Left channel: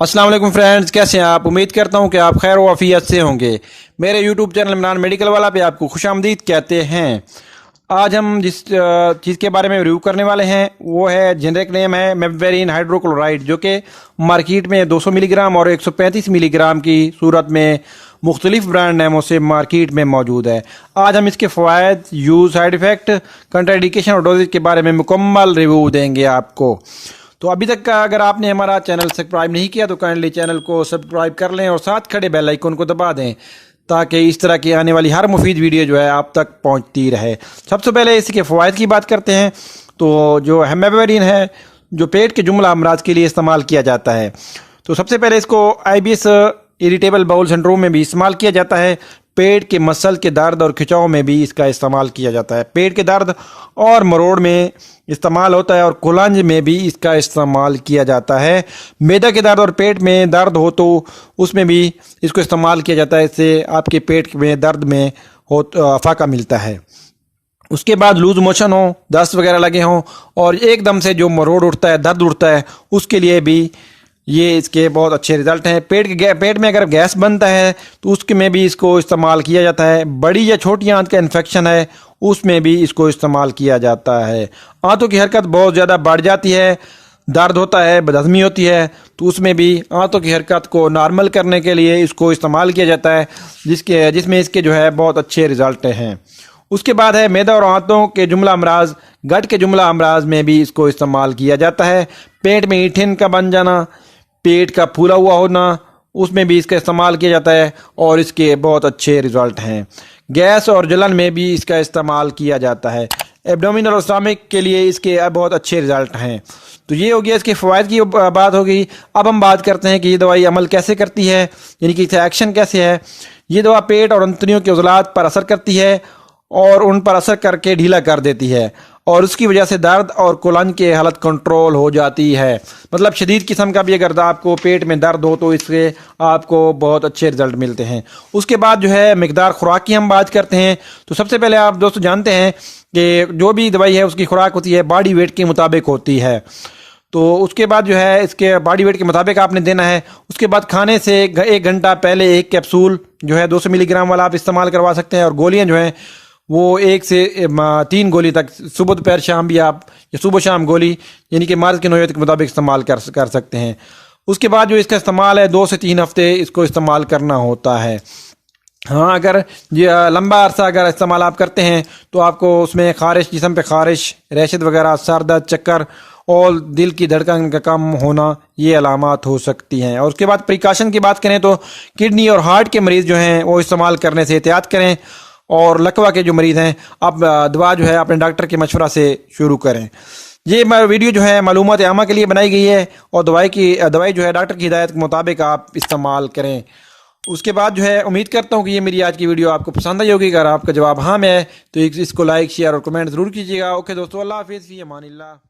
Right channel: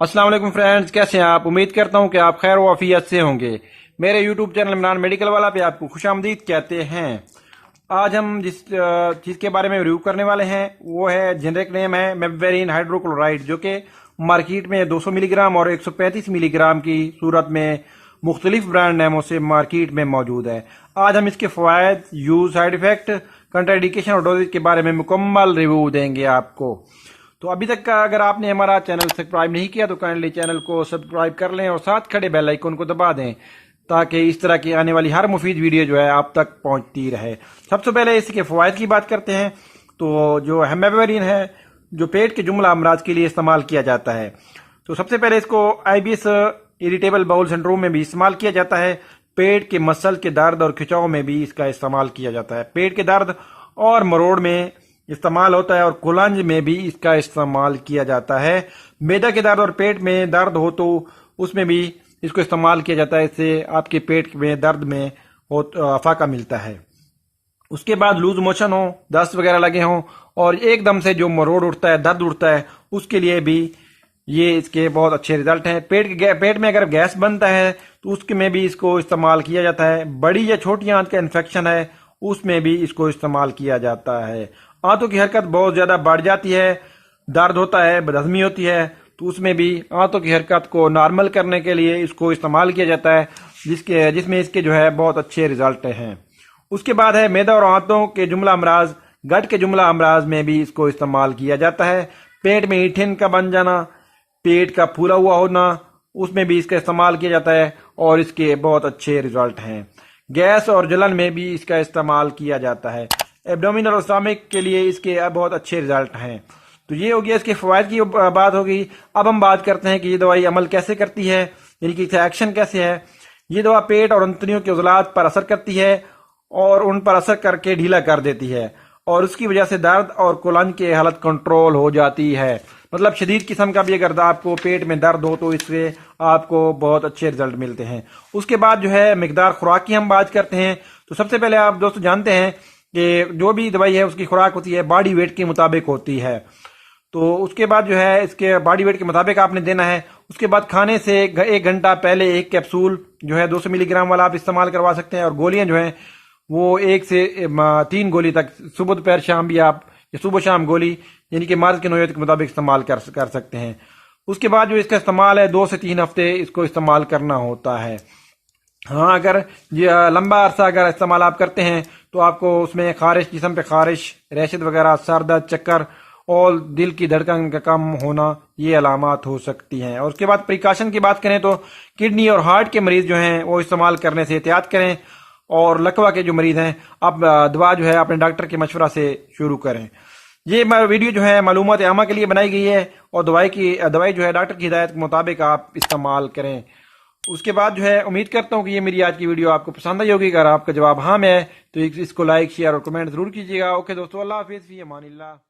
अस्सलाम वालेकुम फ्रेंड्स, कैसे हैं आप। उम्मीद करता हूं कि आप खैर व आफियत से होंगे। मेरे यूट्यूब चैनल इमरान मेडिकल वाला पे आपको खुशामदीद कहते हैं। आज हम जिस चीज़ के बारे में रिव्यू करने वाले हैं वो है, जेनरिक नेम है मेबवेरिन हाइड्रोक्लोराइड, जो कि मार्केट में 200 मिलीग्राम और 135 मिलीग्राम की सूरत में मुख्तलिफ ब्रांड नेमों से मार्केट में मौजूद है। आज हम इसके फ़वाद, यूज़, साइड इफ़ेक्ट, कंट्राइंडिकेशन और डोजेज के बारे में मुकम्मल रिव्यू देंगे आपको। तो अभी तक का अगर आपने हमारा चैनल सब्सक्राइब नहीं किया तो काइंडली चैनल को सब्सक्राइब कर लें और साथ खड़े बेल आइकन को दबा दें, ताकि इस तरह की आने वाली हर मुफीद वीडियो जो है आप तक पहुंचती रहे। सबसे पहले इसके फ़वाइद की बात करते हैं। तो जो हेमेबेरिन है, जो पेट के जुमला अमराज के लिए इस्तेमाल किया जाता है, तो सबसे पहले इसको IBS इरिटेबल बाउल सिंड्रोम में भी इस्तेमाल किया जाता है। पेट के मसल के दर्द और खिंचाव में भी इसका इस्तेमाल किया जाता है। पेट के दर्द और मरोड़ में इस्तेमाल होता है और कुलंज में भी इसका इस्तेमाल किया जाता है। मैदा के दर्द और पेट में दर्द हो तो उसमें भी इसको इस्तेमाल किया जाता है। इससे आपके पेट में दर्द में हो फाका मिलता है। उसके बाद लूज मोशन हो, दस्त वगैरह लगे हों और एकदम से जो मरोड़ उठता है, दर्द उठता है, उसके लिए भी ये इसके बहुत अच्छे रिजल्ट हैं। पेट में अगर गैस बनता है तो उसके में भी इसको इस्तेमाल किया जाता है। बड़ी या छोटी आंत का इन्फेक्शन है उसमें भी इसको इस्तेमाल किया जाता है। आंतों की हरकत बहुत ज़्यादा बढ़ जाती है, दर्द होता है, बदहज़मी होती है, तो उसमें भी आंतों की हरकत को नॉर्मल करने के लिए इसको इस्तेमाल किया जाता है, जिसमें इसके जो है बहुत अच्छे रिजल्ट हैं। उसके बाद है मैदा और आंतों के जुमला अमराज, गट के जुमला अमराज में भी इसको इस्तेमाल किया जाता है। पेट में ईठिन का बन जाना, पेट का फूला हुआ होना, उसमें भी इसका इस्तेमाल किया जाता है और इसके बहुत अच्छे रिजल्ट हैं। गैस और जलन में भी इसका इस्तेमाल किया जाता है। एब्डोमिनल और स्टमक के लिए इसके बहुत अच्छे रिजल्ट हैं। तो ये हो गया इसके फ़वाइद की बात हो गई। अब हम बात करते हैं कि ये दवाई अमल कैसे करती है, यानी कि इसका एक्शन कैसे है। ये दवा पेट और अंतड़ियों के उज़लात पर असर करती है और उन पर असर करके ढीला कर देती है और उसकी वजह से दर्द और कुलंज की हालत कंट्रोल हो जाती है। मतलब शदीद किस्म का भी अगर आपको पेट में दर्द हो तो इससे आपको बहुत अच्छे रिजल्ट मिलते हैं। उसके बाद जो है मिकदार खुराक की हम बात करते हैं। तो सबसे पहले आप दोस्तों जानते हैं कि जो भी दवाई है उसकी खुराक होती है बॉडी वेट के मुताबिक होती है। तो उसके बाद जो है इसके बॉडी वेट के मुताबिक आपने देना है। उसके बाद खाने से 1 घंटा पहले एक कैप्सूल जो है 200 मिलीग्राम वाला आप इस्तेमाल करवा सकते हैं और गोलियाँ जो हैं वो 1 से 3 गोली तक सुबह दोपहर शाम भी आप, या सुबह शाम गोली, यानी कि मर्ज़ की नौयत के मुताबिक इस्तेमाल कर सकते हैं। उसके बाद जो इसका इस्तेमाल है 2 से 3 हफ्ते इसको इस्तेमाल करना होता है। हाँ, अगर ये लंबा अरसा अगर इस्तेमाल आप करते हैं तो आपको उसमें खारिश, जिस्म पे खारिश, रैशद वगैरह, सर दर्द, चक्कर और दिल की धड़कन का कम होना, ये अलामात हो सकती हैं। और उसके बाद प्रिकॉशन की बात करें तो किडनी और हार्ट के मरीज़ जो हैं वो इस्तेमाल करने से एहतियात करें और लकवा के जो मरीज़ हैं आप दवा जो है अपने डॉक्टर के मशवरा से शुरू करें। ये वीडियो जो है मालूमात आमा के लिए बनाई गई है और दवाई जो है डॉक्टर की हिदायत के मुताबिक आप इस्तेमाल करें। उसके बाद जो है उम्मीद करता हूँ कि ये मेरी आज की वीडियो आपको पसंद आई होगी। अगर आपका जवाब हाँ है तो इसको लाइक, शेयर और कमेंट ज़रूर कीजिएगा। ओके दोस्तों, अल्लाह हाफिज़, फ़ी अमानिल्लाह।